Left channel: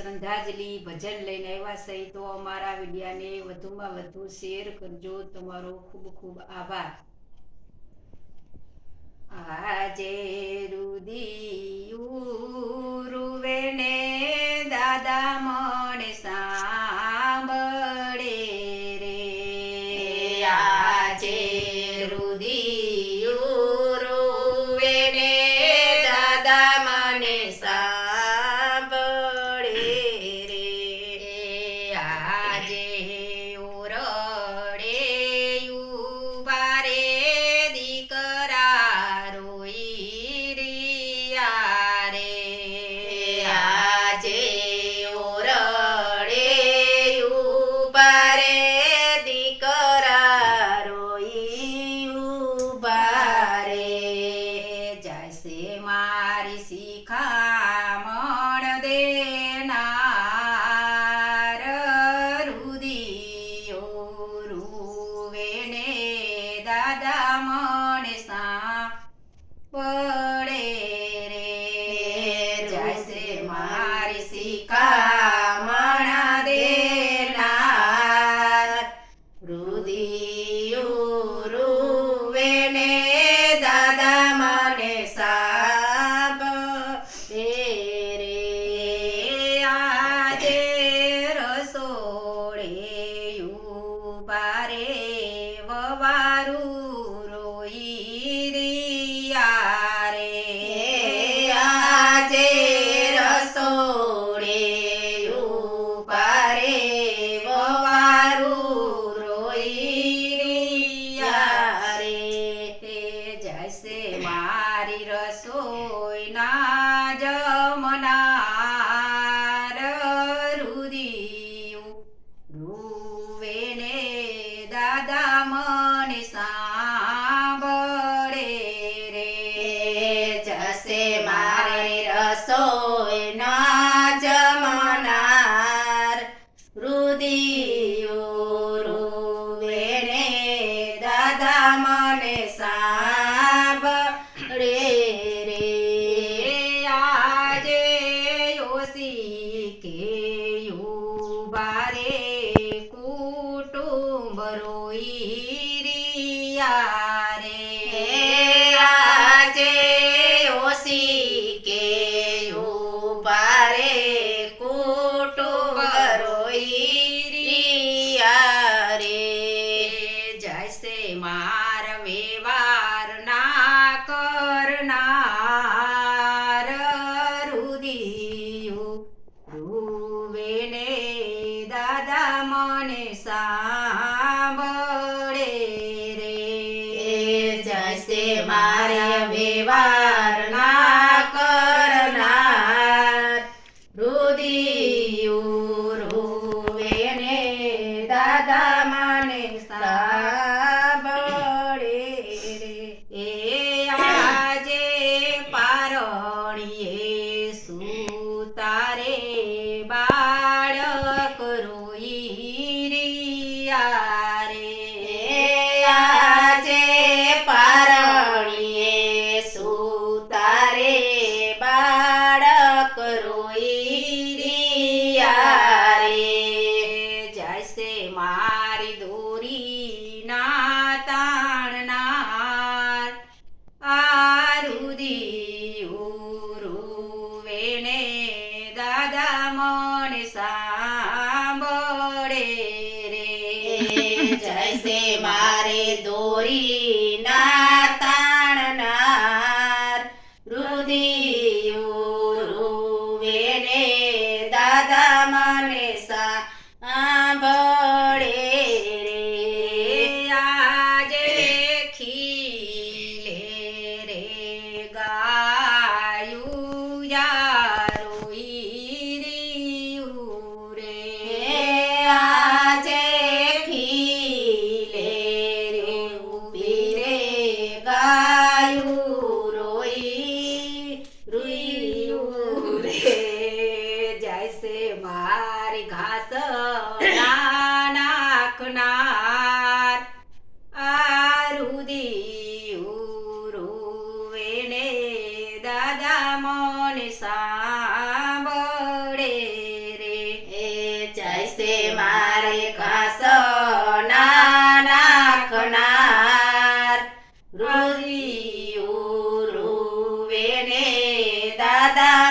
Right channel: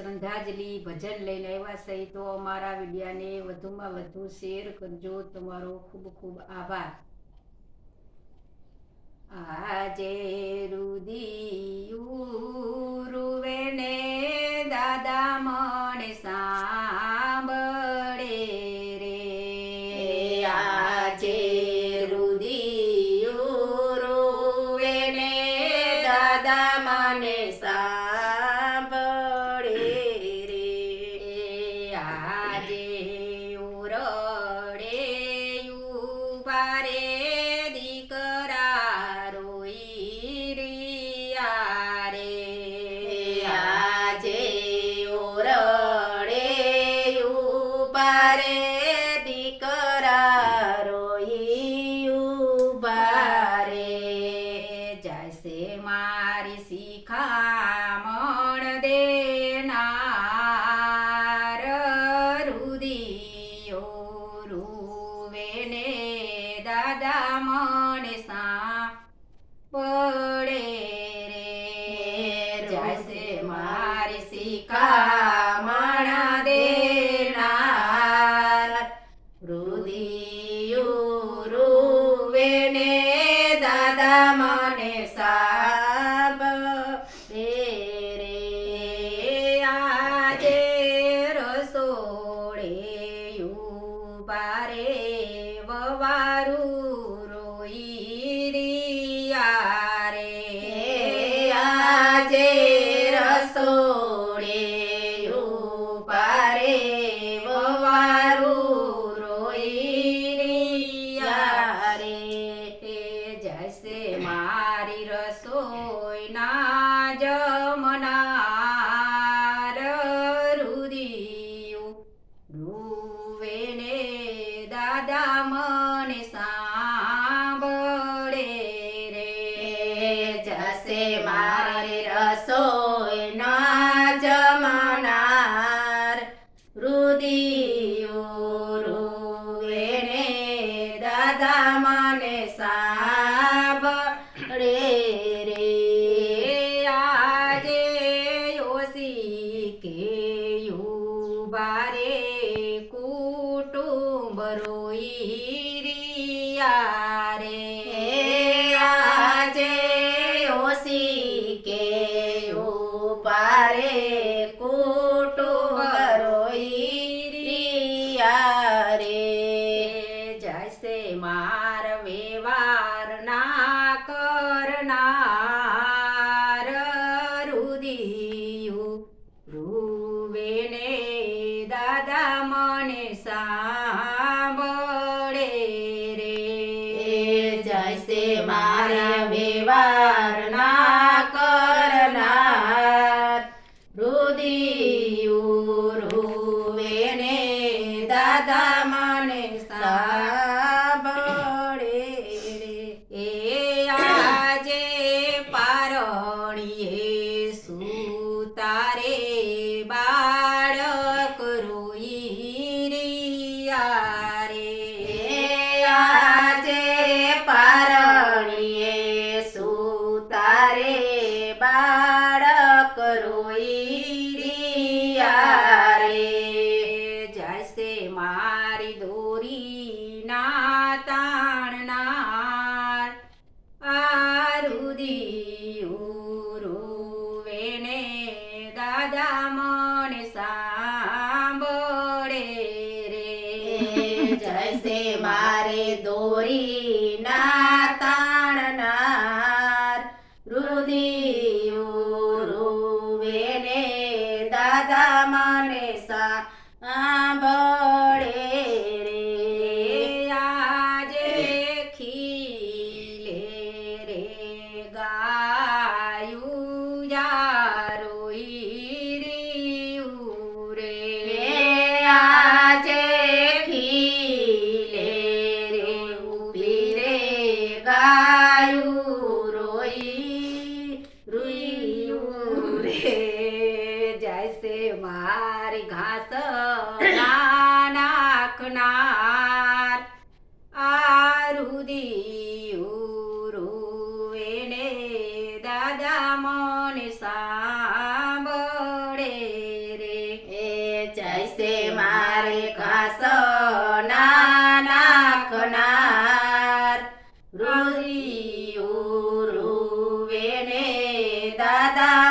શ્રદ્ધાંજલિ ભજન લઈને આવ્યા છે તો અમારા વિડિયાને વધુમાં વધુ શેર કરજો. તમારો ખૂબ ખૂબ આભાર. આજે રુદિયું રૂવે ને દાદા મને સાંભળે રે. આજે રુદિયું રૂવે ને દાદા મને સાંભળે રે. આજે ઓરડે ઉભા રે દીકરા રોઈ રહ્યા રે. આજે ઓરડે ઉભા રે દીકરા રોઈ ઉભા રે. જશે મારી શિખામણ દેનાર રુદિયો રૂવે ને દાદા મને સાંભળે રે. જશે મારી શિખામણ દેનાર રુદિયું રૂવે ને દાદા મને સાંભળે રે. આજે રસોડે ઉભા રે વવારું રોઈ રહ્યા રે. આજે રસોડે ઉભા રે વવારું રોઈ રહ્યા રે. જશે મારી રસોઈના જમનાર રુદિયું રૂવે ને દાદા મને સાંભળે રે. જશે મારે રસોઈના જમનાર રુદિયું રૂવે ને દાદા મને સાંભળે રે. આજે યોસી કે ઉભા રે કુટુંબ રોઈ રહ્યા રે. આજે ઓસી કે ઉભા રે કુટુંબ રોઈ રહ્યા રે. જશે માર વ્યવહાર ના કરનાર રુદિયું રૂવે ને દાદા મને સાંભળે રે. જશે મારે વ્યવહાર ના કરનાર રુદિયું રૂવે ને દાદા મને સાંભળે રે. આજે પારણીએ સુતારે બાળક રોઈ રહ્યા રે. આજે પારણીએ સુતારે બાળક રોઈ રહ્યા રે. જશે મારી દોરી ના તાણનાર આ રુદિયું રૂવે ને દાદા મને સાંભળે રે. જશે મારે દોરી ના તાણનાર રુદિયું રૂવે ને દાદા મને સાંભળે રે. આજે ખીલે રે ગાયું યા રોઈ રહ્યું રે. આજે ખીલે રે ઉભી રે ગાયું રોઈ રૂયું રે. જશે મારી ઘાસ નાખનાર આ રુદિયું રૂવે ને દાદા મને સાંભળે દાદા